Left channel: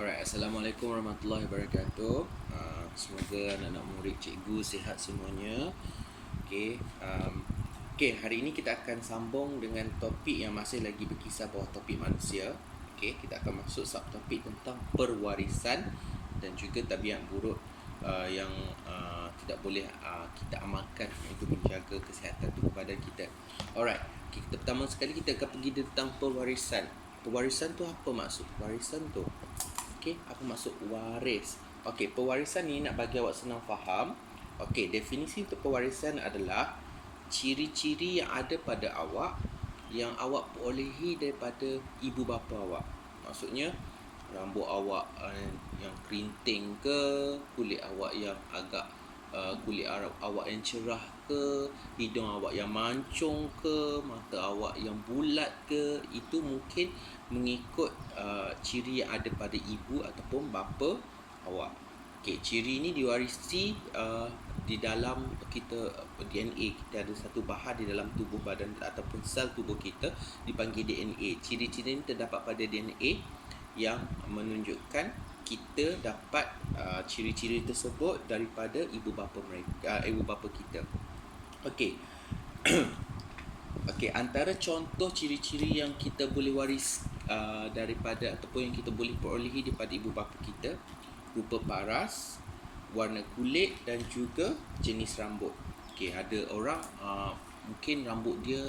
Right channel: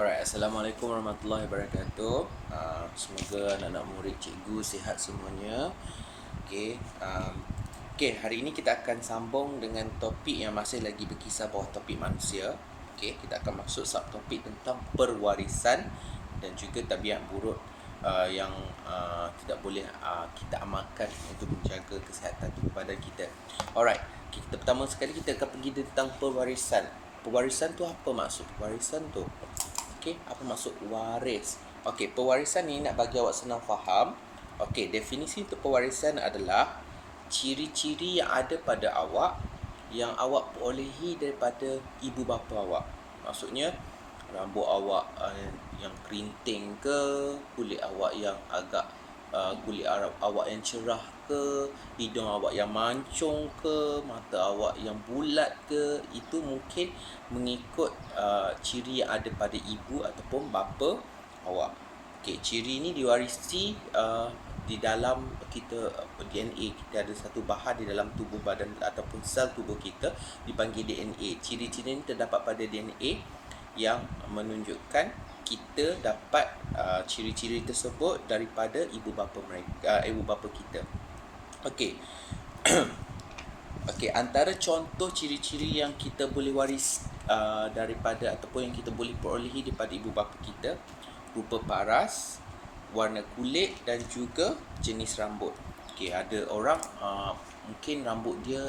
Alright, Assalamualaikum warahmatullahi wabarakatuh. Semoga anak-anak murid cikgu sihat semuanya. Okay, hari ini kita akan sambung dengan topik yang masih lagi berkisar bawah topik manusia. Okay, kita akan masuk subtopik tentang perwarisan dan juga tabiat buruk yang tidak boleh kita amalkan untuk menjaga kesihatan tubuh badan kita. Alright, kita pertama sekali kita akan pergi tentang pewarisan. Pewarisan tu apa maksud pewarisan tu? Okey, apa maksud waris? Okey, pewarisan ni nak bagi awak senang faham. Okey, definisi untuk pewarisan adalah ciri-ciri yang ada pada awak yang awak perolehi daripada ibu bapa awak. Maksudnya rambut awak yang kerinting ke, kulit awak yang agak kulit awak yang cerah ke, hidung awak yang mancung ke, mata awak yang bulat ke, itu mungkin mengikut ciri yang ada pada ibu ataupun bapa awak. Okey, ciri ini diwarisi di dalam kita DNA. Kita ada satu bahan di dalam tubuh badan ataupun sel tubuh kita dipanggil DNA. Ciri-ciri ini terdapat pada DNA yang menunjukkan kita dapat ciri-ciri tersebut daripada ibu bapa kita. Okey. Okey, antara contoh ciri-ciri yang kita boleh waris daripada ataupun yang kita boleh perolehi daripada ibu bapa kita, rupa paras, warna kulit dan juga jenis rambut. Okey, ada orang mungkin rambut dia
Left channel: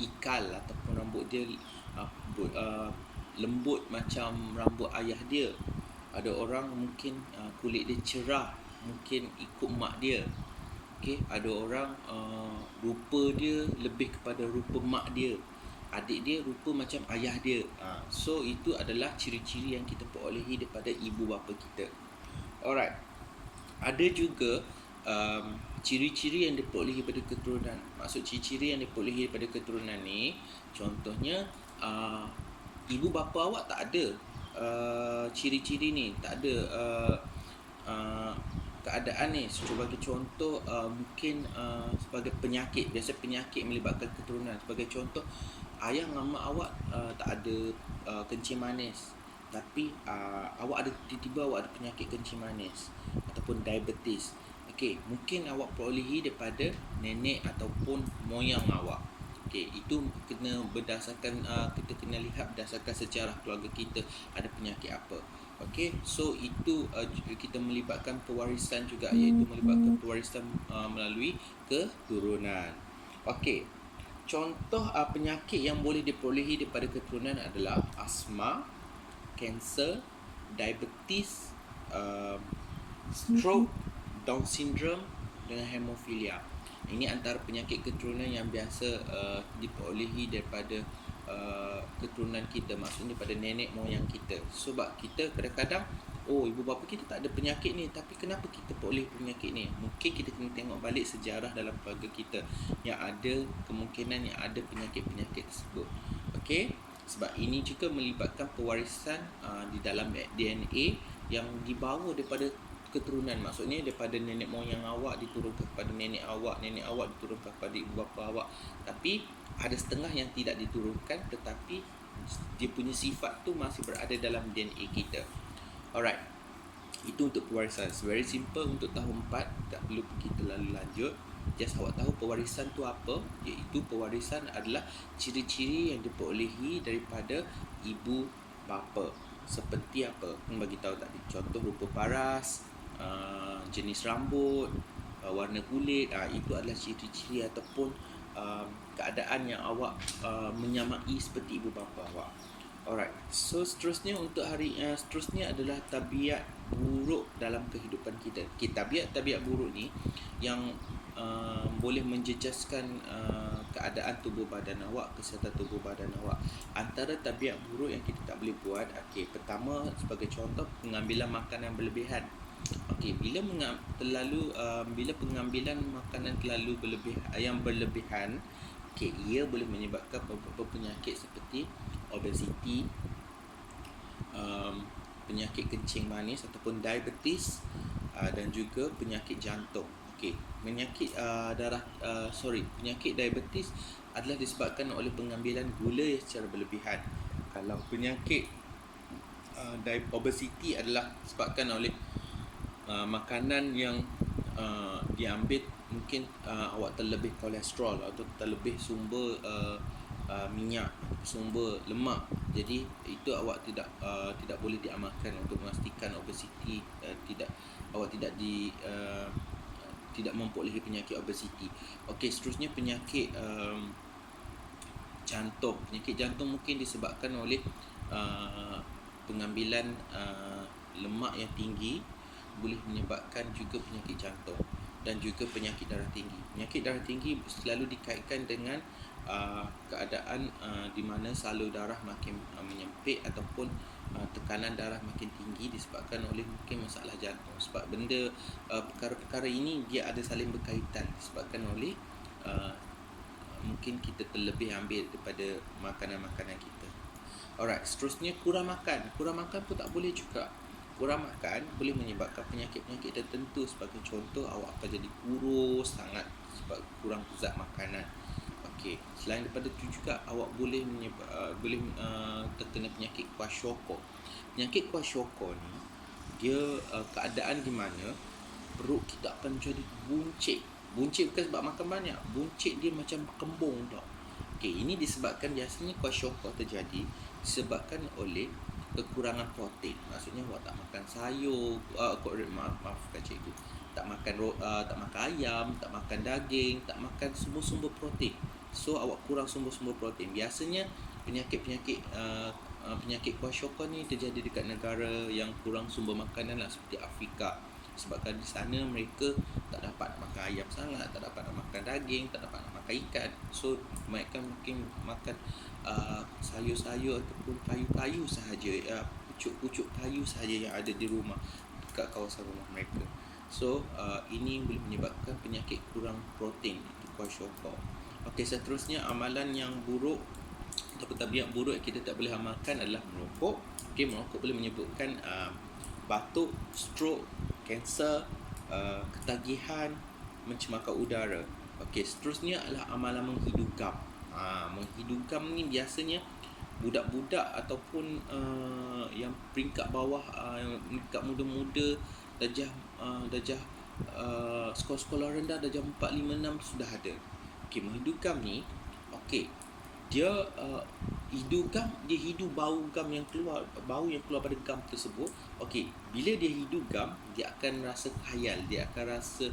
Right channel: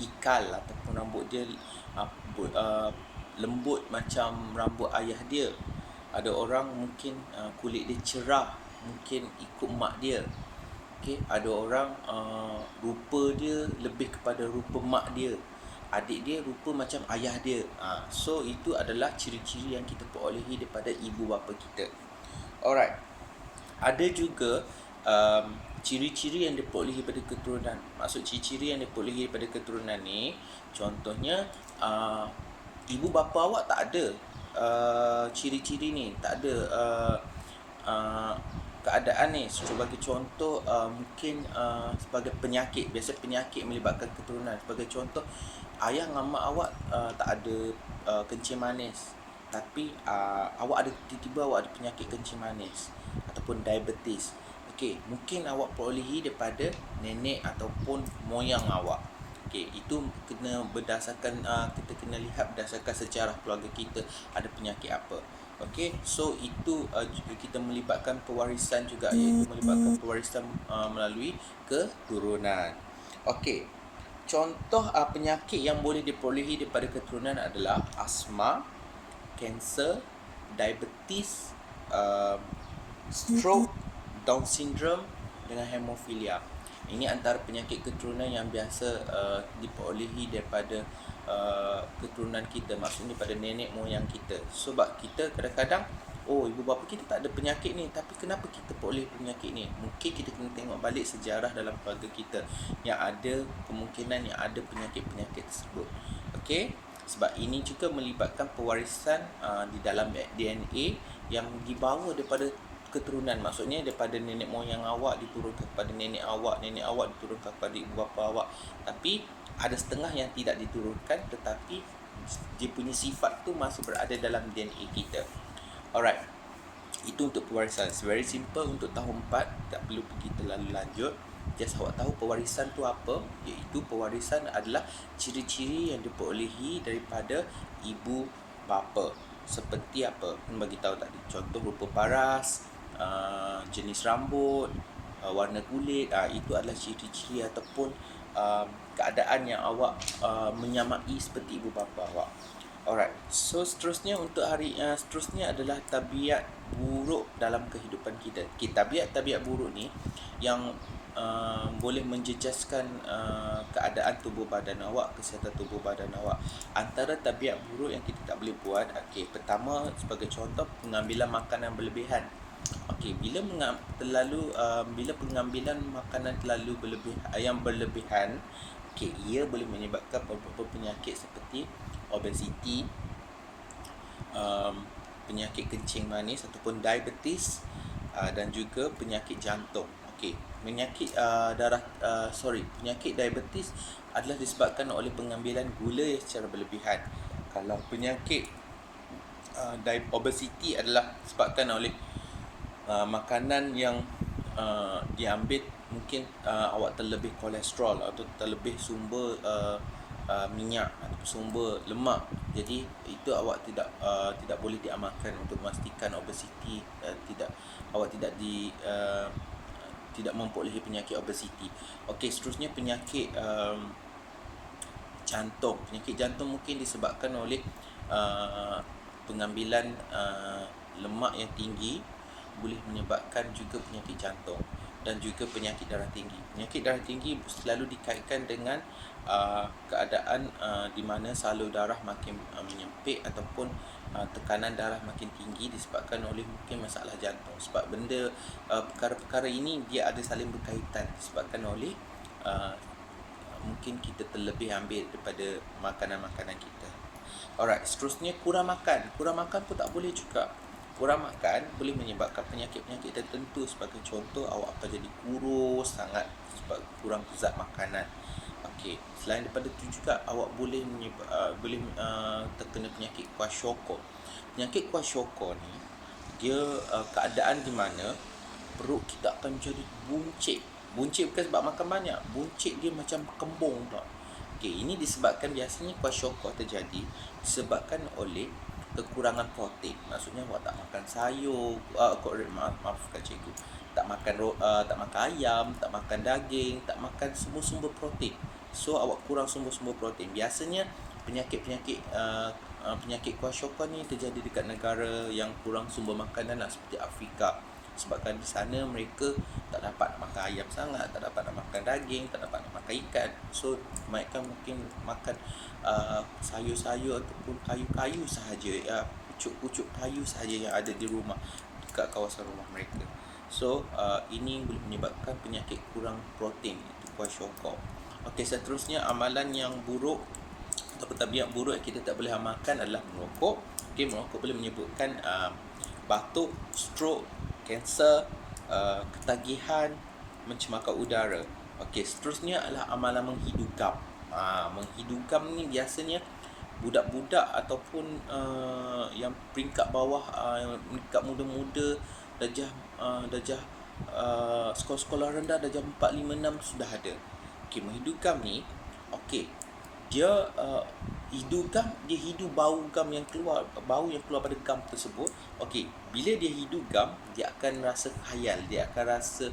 ikal ataupun rambut dia lembut macam rambut ayah dia. Ada orang mungkin kulit dia cerah, mungkin ikut mak dia. Okey, ada orang rupa dia lebih kepada rupa mak dia. Adik dia rupa macam ayah dia. So itu adalah ciri-ciri yang kita perolehi daripada ibu bapa kita. Alright. Ada juga ciri-ciri yang diperolehi daripada keturunan. Maksud ciri-ciri yang diperolehi daripada keturunan ni, contohnya ibu bapa awak tak ada ciri-ciri ni, tak ada keadaan ni. Sebagai contoh, mungkin sebagai penyakit, biasa penyakit melibatkan keturunan. Sebagai contoh, ayah dan mak awak tak ada kencing manis, tapi awak ada, tiba-tiba awak ada penyakit kencing manis ataupun diabetes. Okey, mungkin awak perolehi daripada nenek ataupun moyang awak. Okey, itu kena berdasarkan kita kena lihat berdasarkan sejarah keluarga kita ada penyakit apa. Okey, so itu kita melibatkan pewarisan juga, iaitu melibatkan pewarisan melalui keturunan. Okey, contoh penyakit yang boleh diperolehi daripada keturunan adalah asma, kanser, diabetes, stroke, Down syndrome dengan hemofilia. Ini antara penyakit keturunan yang biasa diperolehi daripada keturunan kita, maksudnya daripada nenek moyang kita. Sebab kita kadang-kadang ibu bapa kita tak ada penyakit ni, tapi kenapa kita peroleh penyakit ni? Mungkin kita kena tengok balik sejarah dalam keluarga kita yang ada kemungkinan yang ada penyakit-penyakit tersebut. Okey, sebab ini juga melibatkan pewarisan di dalam DNA yang dibawa daripada keturunan. Maksudnya daripada nenek moyang awak diturunkan kepada nenek awak diturunkan kepada ibu bapa awak. Tapi ada setengah yang tidak diturunkan, tetapi dia punya sifat tu masih berada dalam DNA kita. Alright, itu untuk pewarisan. Very simple untuk tahun 4, tak perlu pergi terlalu lanjut. Just awak tahu pewarisan tu apa, iaitu pewarisan adalah ciri-ciri yang diperolehi daripada ibu bapa. Seperti apa? Bagi tahu tadi. Contoh rupa paras, jenis rambut, warna kulit, itu adalah ciri-ciri ataupun keadaan yang awak menyamai seperti ibu bapa awak. Alright. So seterusnya untuk seterusnya adalah tabiat buruk dalam kehidupan kita. Okay, tabiat buruk ni yang boleh menjejaskan keadaan tubuh badan awak, kesihatan tubuh badan awak. Antara tabiat buruk yang kita tak boleh buat, pertama sebagai contoh, pengambilan makanan berlebihan. Bila pengambilan makanan terlalu berlebihan, ia boleh menyebabkan beberapa penyakit seperti obesiti, penyakit kencing manis ataupun diabetes, dan juga penyakit jantung. Penyakit penyakit diabetes adalah disebabkan oleh pengambilan gula secara berlebihan. Kalau penyakit obesity adalah disebabkan oleh makanan yang diambil, mungkin awak terlebih kolesterol atau terlebih sumber minyak atau sumber lemak. Jadi itu awak tidak boleh diamalkan untuk memastikan obesity awak tidak memperolehi penyakit obesity. Okey, seterusnya penyakit jantung. Penyakit jantung mungkin disebabkan oleh pengambilan lemak yang tinggi, boleh menyebabkan juga penyakit jantung dan juga penyakit darah tinggi. Penyakit darah tinggi selalu dikaitkan dengan keadaan di mana salur darah makin menyempit ataupun tekanan darah makin tinggi disebabkan oleh mungkin masalah jantung. Sebab perkara-perkara ini dia ada saling berkaitan disebabkan oleh mungkin kita terlebih ambil daripada makanan-makanan kita. Alright, seterusnya kurang makan. Kurang makan pun tak boleh juga. Kurang makan boleh menyebabkan penyakit-penyakit tertentu. Sebagai contoh, awak akan jadi kurus sangat sebab kurang zat makanan. Okey, selain daripada itu juga awak boleh terkena penyakit kwashiorkor. Penyakit kwashiorkor ni dia keadaan di mana perut kita akan menjadi buncit. Buncit bukan sebab makan banyak, buncit dia macam kembung tau. Okey, ini disebabkan biasanya kwashiorkor terjadi disebabkan oleh kekurangan protein. Maksudnya awak tak makan sayur, maafkan cikgu. Tak makan ayam, tak makan daging, tak makan sumber-sumber protein. So awak kurang sumber-sumber protein. Biasanya penyakit kwashiorkor ni terjadi dekat negara yang kurang sumber makanan lah, seperti Afrika. Sebabkan di sana mereka tak dapat nak makan ayam sangat, tak dapat nak makan daging, tak dapat nak makan ikan. So mereka mungkin makan sayur-sayur ataupun kayu-kayu sahaja, pucuk-pucuk kayu sahaja yang ada di rumah, dekat kawasan rumah mereka. So ini boleh menyebabkan penyakit kurang protein, itu kwashiorkor. Okey, seterusnya amalan yang buruk ataupun tabiat buruk yang kita tak boleh amalkan adalah merokok. Okey, merokok boleh menyebabkan batuk, stroke, kanser, ketagihan, mencemarkan udara. Okey, seterusnya adalah amalan menghidu gam. Menghidu gam ni biasanya budak-budak ataupun yang peringkat bawah, peringkat muda-muda, darjah sekolah-sekolah rendah, darjah 4, 5, 6 sudah ada. Okey, menghidu gam ni, okey, dia hidu gam, dia hidu bau gam yang keluar, bau yang keluar pada gam tersebut. Okey, bila dia hidu gam, dia akan rasa khayal, dia akan rasa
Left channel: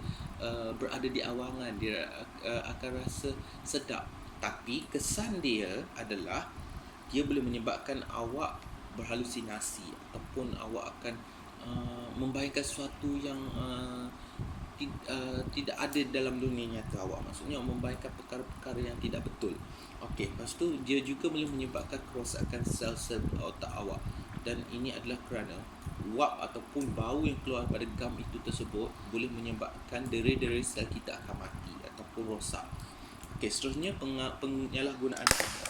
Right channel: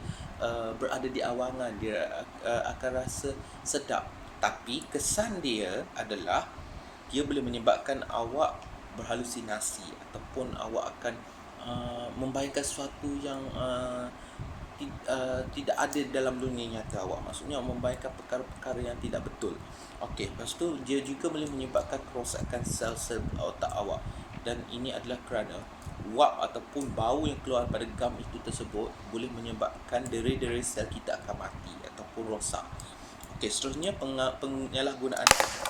berada di awangan, dia akan rasa sedap. Tapi kesan dia adalah dia boleh menyebabkan awak berhalusinasi ataupun awak akan membayangkan sesuatu yang tidak ada dalam dunia nyata awak. Maksudnya membayangkan perkara-perkara yang tidak betul. Okey, lepas tu dia juga boleh menyebabkan kerosakan sel-sel otak awak. Dan ini adalah kerana wap ataupun bau yang keluar pada gam itu tersebut boleh menyebabkan deri-deri sel kita akan mati ataupun rosak. Okey, seterusnya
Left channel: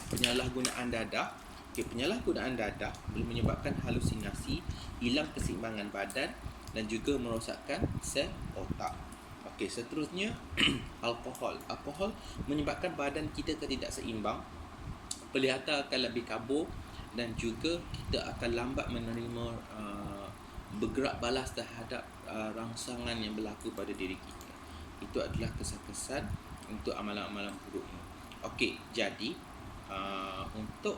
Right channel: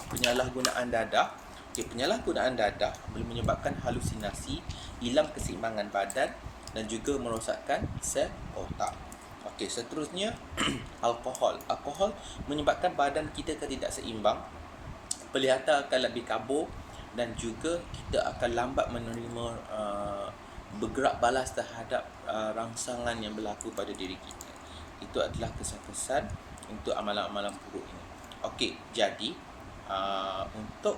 penyalahgunaan dadah. Okey, penyalahgunaan dadah boleh menyebabkan halusinasi, hilang keseimbangan badan dan juga merosakkan sel otak. Okey, seterusnya alkohol. Alkohol menyebabkan badan kita tidak seimbang, penglihatan akan lebih kabur dan juga kita akan lambat menerima bergerak balas terhadap rangsangan yang berlaku pada diri kita. Itu adalah kesan-kesan untuk amalan-amalan buruk ini. Okey, jadi untuk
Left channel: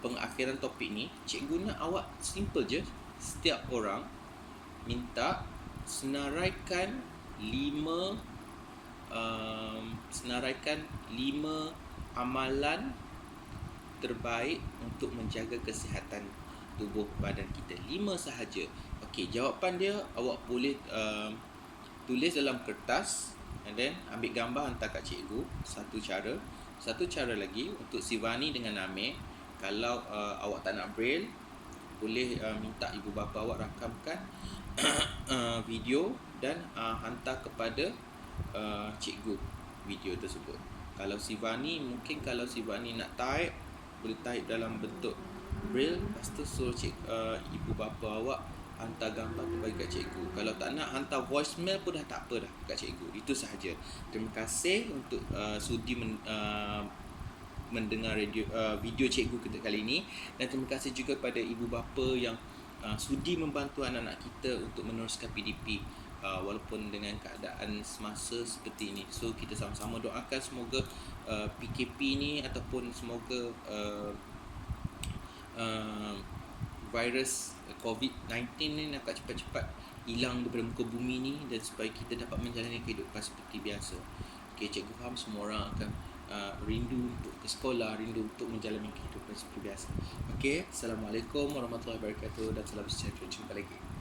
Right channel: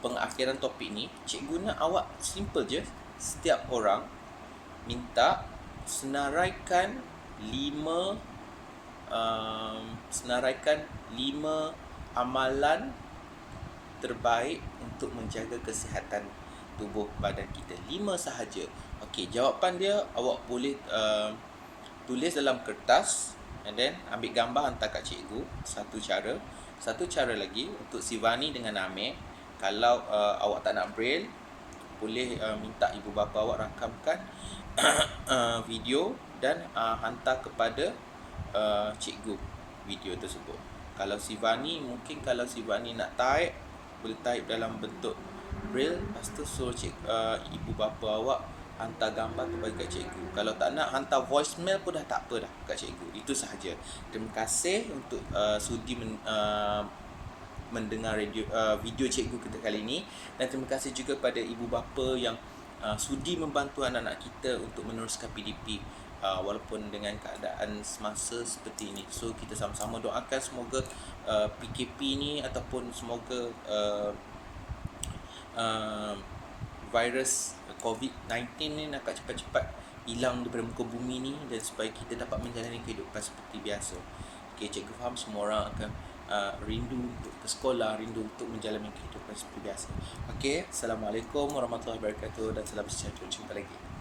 pengakhiran topik ni, cikgu nak awak simple je. Setiap orang minta senaraikan 5 amalan terbaik untuk menjaga kesihatan tubuh badan kita. 5 sahaja. Okey, jawapan dia awak boleh tulis dalam kertas and then ambil gambar hantar kat cikgu. Satu cara lagi untuk Sivani dengan Amir, kalau awak tak nak braille, boleh minta ibu bapa awak rakamkan video dan hantar kepada cikgu video tersebut. Kalau Sivani nak type, boleh type dalam bentuk braille, lepas tu suruh ibu bapa awak hantar gambar tu bagi kat cikgu. Kalau tak nak, hantar voicemail pun dah tak apa dah kat cikgu. Itu sahaja. Terima kasih untuk sudi mendengar video cikgu kita kali ini. Dan terima kasih juga pada ibu bapa yang sudi membantu anak-anak kita untuk meneruskan PDP walaupun dengan keadaan semasa seperti ini. So kita sama-sama doakan semoga PKP ni ataupun semoga virus COVID-19 ni nak cepat-cepat hilang daripada muka bumi ni, dan supaya kita dapat menjalani kehidupan seperti biasa. Okay, cikgu faham semua orang akan rindu untuk ke sekolah, rindu untuk menjalani kehidupan seperti biasa. Okay, Assalamualaikum warahmatullahi wabarakatuh dan salam sejahtera. Jumpa lagi.